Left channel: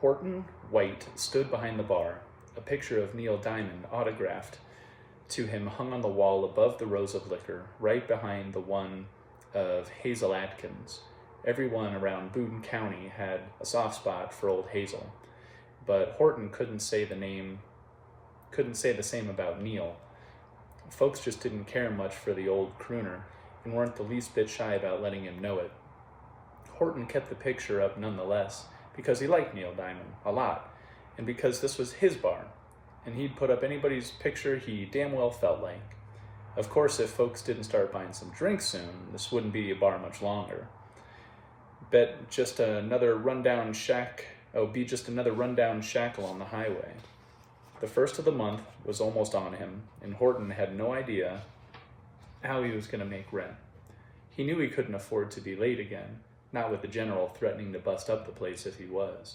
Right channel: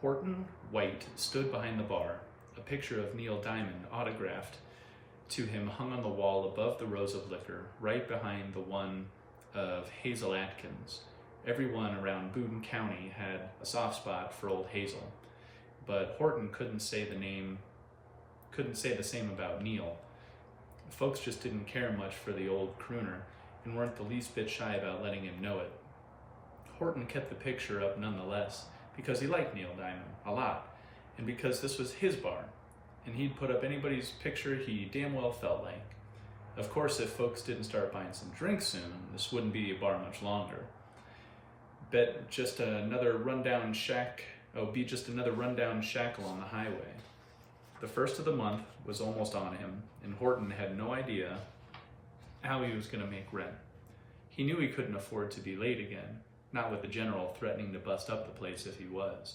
Horton White stood behind the bar, a picture of Neil Diamond autographed to him hung on the wall above the rows of liquor, right behind the one of Hazel Atkins. Everyone around Boone County had a soft spot for old Hazel, but Horton couldn't say the same about Neil. Folks just didn't care much for the old crooner and weren't the least bit shy about letting him know it. Horton kept the picture up nonetheless, because he liked Neil Diamond a lot, and because this was his bar, and he'd put up anybody's picture he damn well felt like. Of course, if folks didn't start buying some drinks soon, this wouldn't be a bar much longer. Be just another rundown shackle on the highway. The first of the month was almost on him, and Horton had no idea how he was going to make rent. He knew he couldn't afford to be late again, not with the general threatening to bust up the place if he was.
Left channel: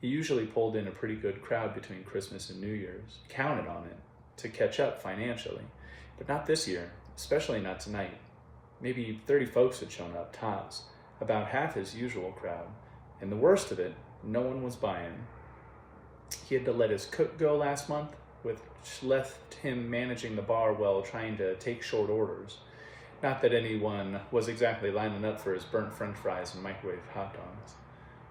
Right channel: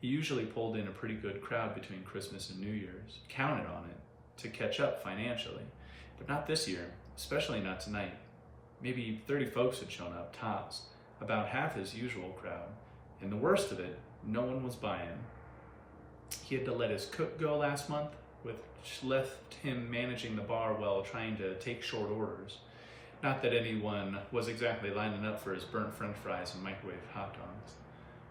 He usually pulled in a pretty good crowd between Christmas and New Year's, counted on it, to catch up financially. But not this year, especially not tonight. Maybe 30 folks had shown up, tops, about half his usual crowd. And the worst of it, no one was buying. He had to let his cook go last month, which left him managing the bar while trying to take short orders. Not that anyone was exactly lining up for his burnt french fries and microwave hot dogs.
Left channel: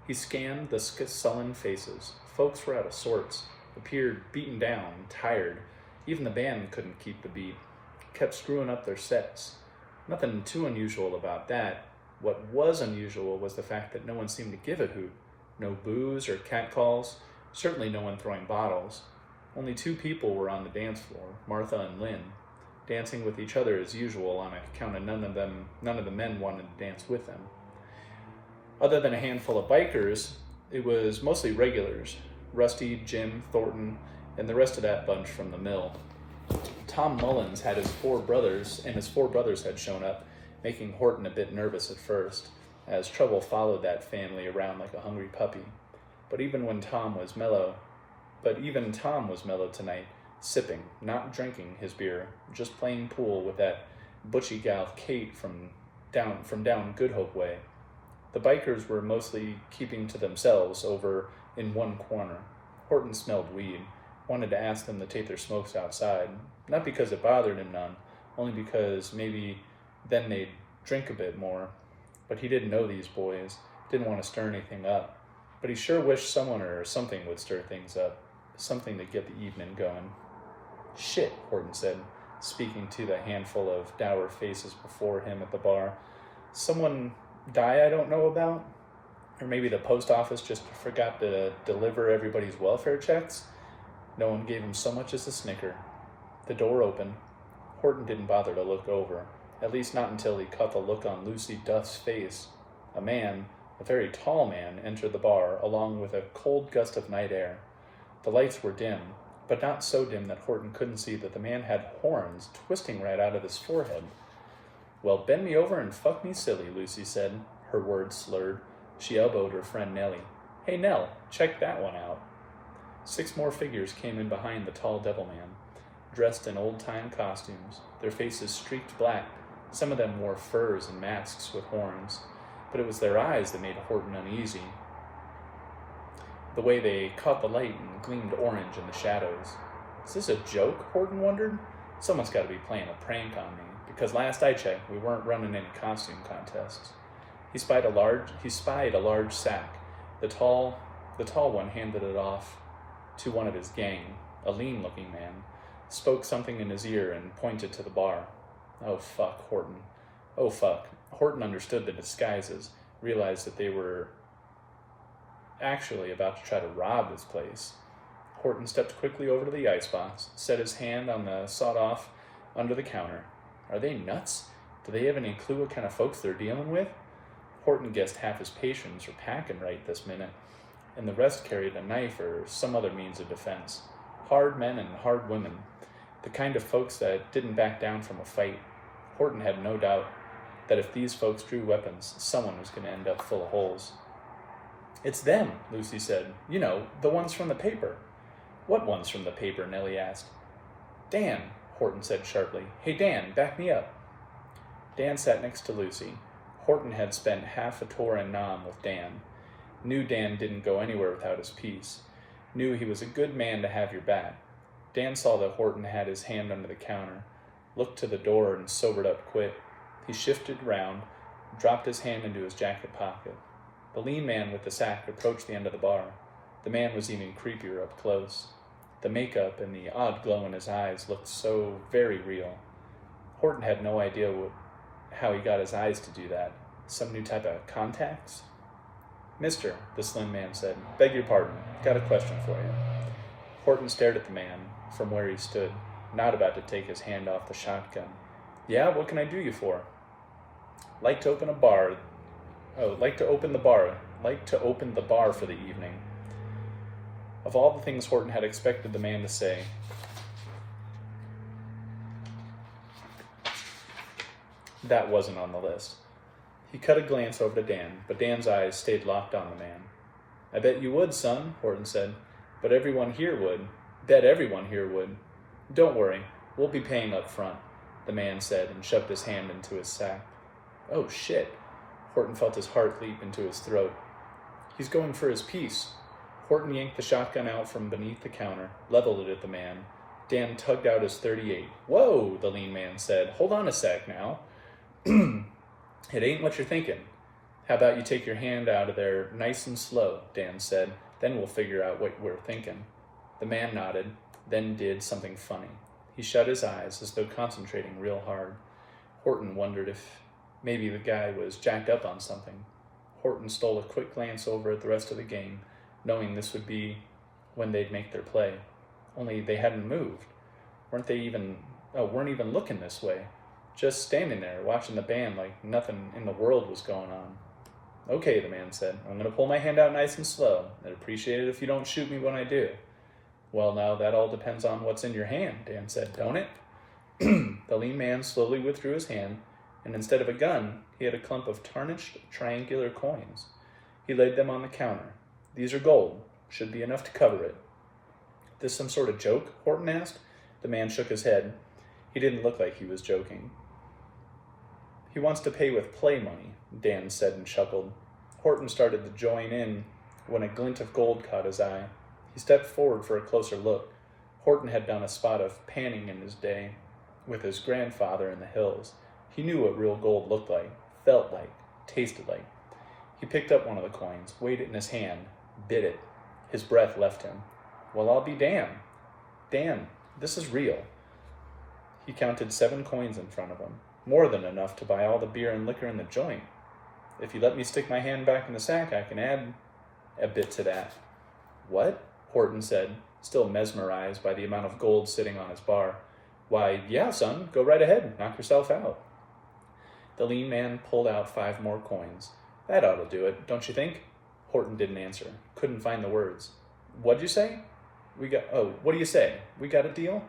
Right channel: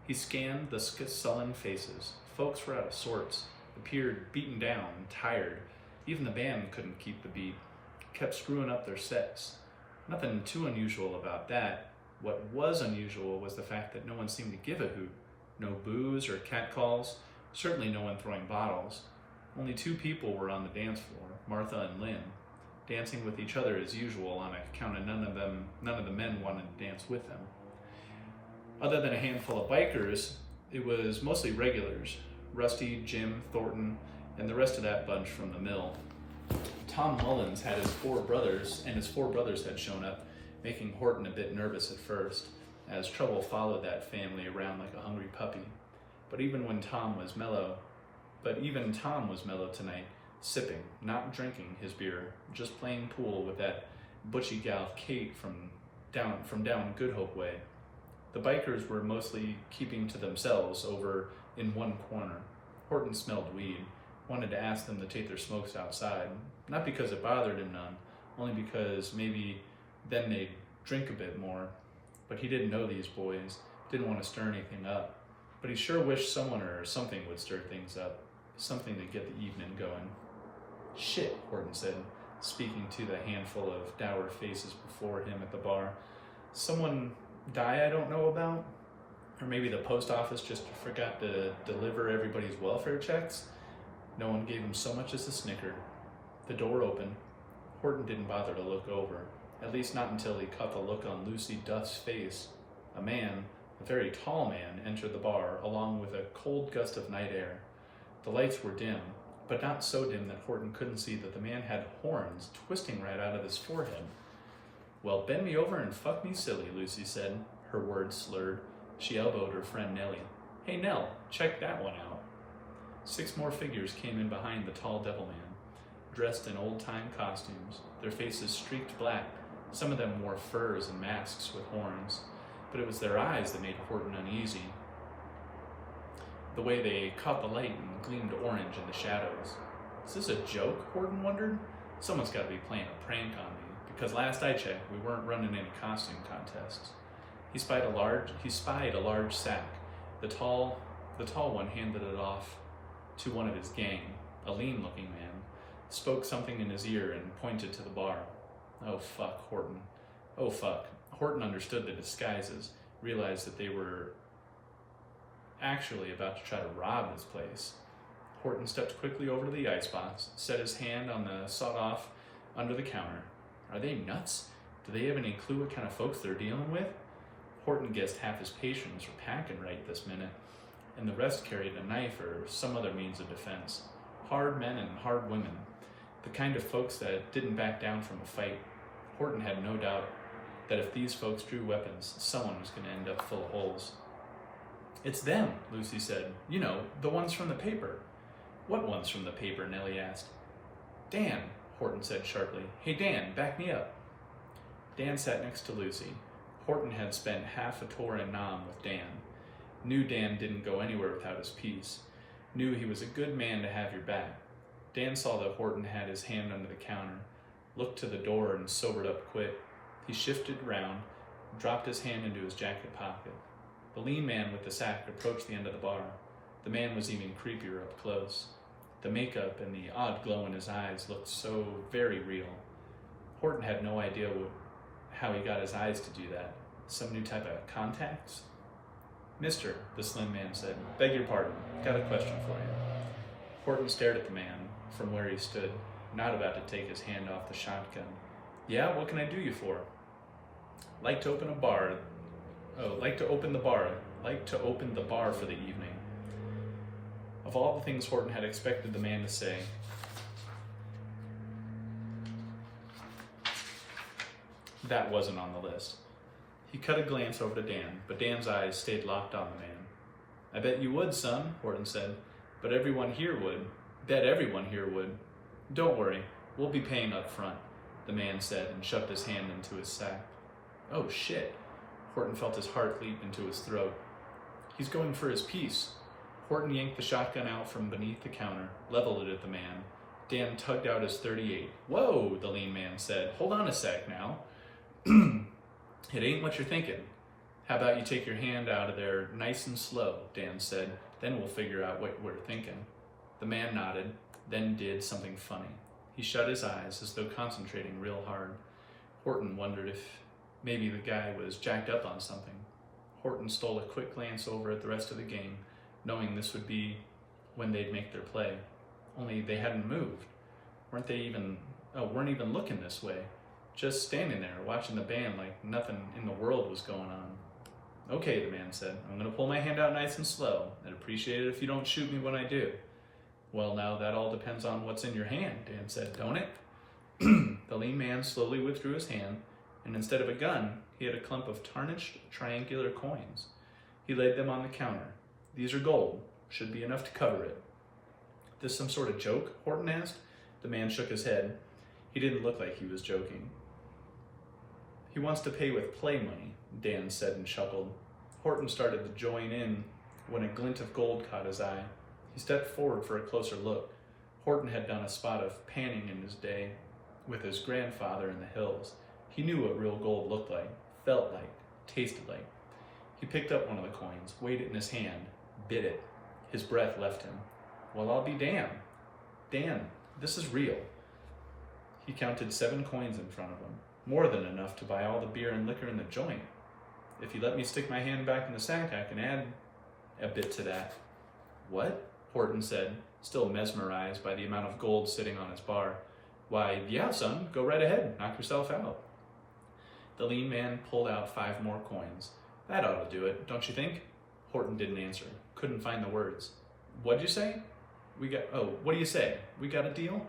He scanned the sullen faces. Folks were out of sorts, appeared beaten down, tired. Even the band couldn't keep the beat, kept screwing up their sets. Nothing too unusual about that. What was unusual was the fact that no one seemed to give a hoot. No booze or catcalls, certainly no one throwing bottles. Only 2 people were on the dance floor, Martha and Lynn, dancing with each other as usual on account of none of the men wanted to dance with them. Other than a handful of bikers, it was mostly regulars, Rusty, Jim, Thornton, and the rest of that bunch from the mill. Tom Mullins had his 4 brothers, and his 4 brothers had shown up, making Horton a bit nervous at first, as trouble followed that family around like a hungry puppy. But even Tom was mellow tonight, sipping, not drinking his beer, just playing pool with that butchy gal Kate from down Good Hope way. The bikers were mostly keeping to themselves over in one corner. Horton smelled weed, wanted to ask them to take their smokes outside, not because it bothered him none, only because maybe then they'd drink a bit more. But he didn't know these boys, didn't want to stir anything up. But he sure wished someone or something would stir things up, something to get the evening going. "Shit," Horton said, speaking to the handful of dour faces before him at the bar. "Someone die I don't know about? Or maybe the post office just forgot to deliver everybody's welfare checks?" No one gave him so much as a snicker. The door opened. Horton didn't bother to look over, at least not until he caught the look on Lucy Duff's face. A man, a very tall man, entered the bar, along with a cold gust of night air. The lights were dim, but not so dim that Horton couldn't see that the man had horns twisting right out of his forehead. "Well, bend me over and fuck me silly," Lucy said, her words slurred. She elbowed her friend Nellie. "Hey, Nell, check that one out." 6 more figures came in behind the tall devil man, dressed in old-time costumes, their faces streaked black. Some of them wore furs and masks with horns, but it was their eyes that made Horton uneasy. The way they caught the light and gleamed orange in the shadows. Is this a joke, Horton wondered? Someone's got to be playing a prank on me, because last I checked, we weren't running any costume contests. He spied a large sack. The tall one handed it off to one of his gang, a lean-looking man, spoke something in his ear and pointed to the bar. Oh, fuck, Horton. Oh, fuck. Horton understood the disguises, realized that they were actually about to try to rob his place. Horton stepped quickly over to the icebox, set his hand on the sawed-off under the counter. Are they nuts? Do they have any clue what kind of folks they're dealing with? Horton guessed half his patients were packing right this minute, and the rest carried a knife or some other means of defense. Hard men and hard women, the kind of folks that didn't back down from a fight. Horton had no doubt that if these folks drew weapons, someone was going to end up full of holes. "It's them," Lucy said. "You know, the ones from the paper." "What ones from the paper?" Nellie asked. "Dan," Horton said sharply. "Hey, Dan, back me up." Dan sat next to Lucy. Horton had spent half a tour in Nam with Dan. Knew Dan didn't go anywhere without his piece. Knew he was a good man to have your back. Dan saw that Horton had his hand under the counter, looked to the door, and sobered up quick. He shifted round, dropped his hand into his jacket pocket. The lean man with the sack approached the end of the bar. The man was even creepier up close. The makeup and the odd glow in his eyes looked so very real. Horton had no idea how he got his eyes to do that. Some new type of contacts? "Mister," the slim man said, "beg your pardon. Got a question for you." Horton stared at the man from where he stood, not about to take his hand off the shotgun. "Yeah, what can I do you for?" Like to open the bar for the evening." Of all the things Horton had expected the man to say, that wasn't on the list. He cut a glance over to Dan, but Dan's eyes stayed locked on the man. "I bet you would, son," Horton said. Bet everyone here would. "Don't worry, we'll be paying up front," the man said and shoved his hand into his sack. "Oh, shit." Horton felt his heart leap into his throat. "He's going for his piece." Horton yanked the shotgun out from beneath the counter, leveled it at the man. Dan tugged out his .38. "Whoa," the lean man said. "Hold on a sec now." "It ain't what you're thinking." "How about you take your hand out of there nice and slow," Dan said. "Then we'll figure out what we're thinking." The man nodded, then did something funny. He shut his eyes as though concentrating real hard. Horton wondered if maybe the guy was jacked up on something. Horton stole a quick glance over at the rest of the gang, knowing this would be when they'd make their play. Only they hadn't moved. Weren't even looking this way. Just standing there, watching the band like nothing in the world was going on. "Okay," the man said. "I'm going to pull my hand out nice and slow. I'd appreciate it if you don't shoot me when I do." "Well, now that all depends on what's in your hand," Dan said, "don't it?" The lean man slowly withdrew his hand, and instead of a gun, he had a clump of tarnished triangular coins. He laid them on the counter. "These are gold. Should be enough to cover it." "This some sort of joke?" Horton asked. The man shook his head. He didn't look like he was joking. "He wants to pay with play money," Dan said and chuckled. Horton started to join in when a glint of gold caught his eye. He stepped forward for a closer look. Horton had done a spot of panning in his day with his grandfather in the hills. He knew what real gold looked like, felt like, tasted like. He picked up one of the coins, weighed it in his hand, bit it. His breath left him. "Well, I'll be damned. Dan, this is real." He counted 7 coins in front of him, more than enough to buy all the beer and liquor in the joint. "If you let me stick my hand back in the sack, I can add a bit to that." "What?" Horton said, still mesmerized by the amount of gold sitting on his bar. "Why, yeah, son, go right ahead, knock yourself out." The lean man pulled out 5 more coins. "That ought to do it, don't you think?" Horton didn't answer, couldn't find the words. "What'd you say?" What do you say? We got a deal?"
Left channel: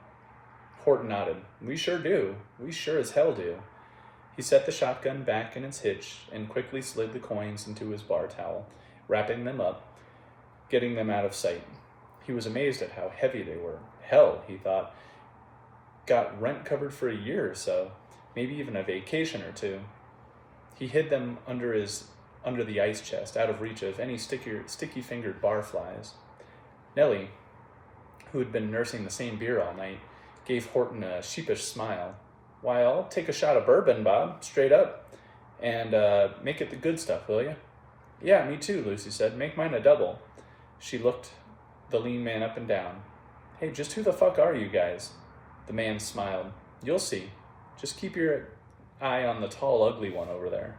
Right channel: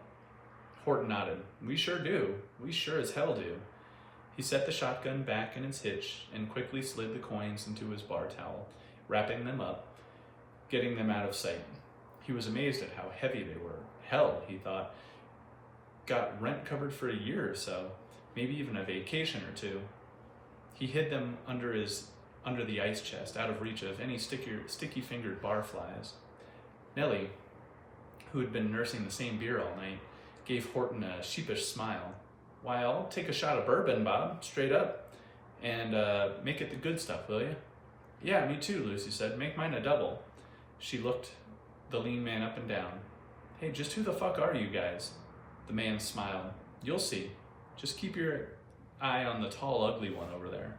Horton nodded. "We sure do. We sure as hell do." He set the shotgun back in its hitch and quickly slid the coins into his bar towel, wrapping them up, getting them out of sight. He was amazed at how heavy they were. Hell, he thought, got rent covered for a year or so, maybe even a vacation or 2. He hid them under the ice chest, out of reach of any sticky-fingered barflies. Nellie, who had been nursing the same beer all night, gave Horton a sheepish smile. "Why, I'll take a shot of bourbon, Bob, straight up, and make it the good stuff, will you?" "Yeah, me too," Lucy said. "Make mine a double." She looked the lean man up and down. "Hey, just who the fuck are you guys?" The man smiled. "You'll see. Just keep your eye on the tall, ugly one over there."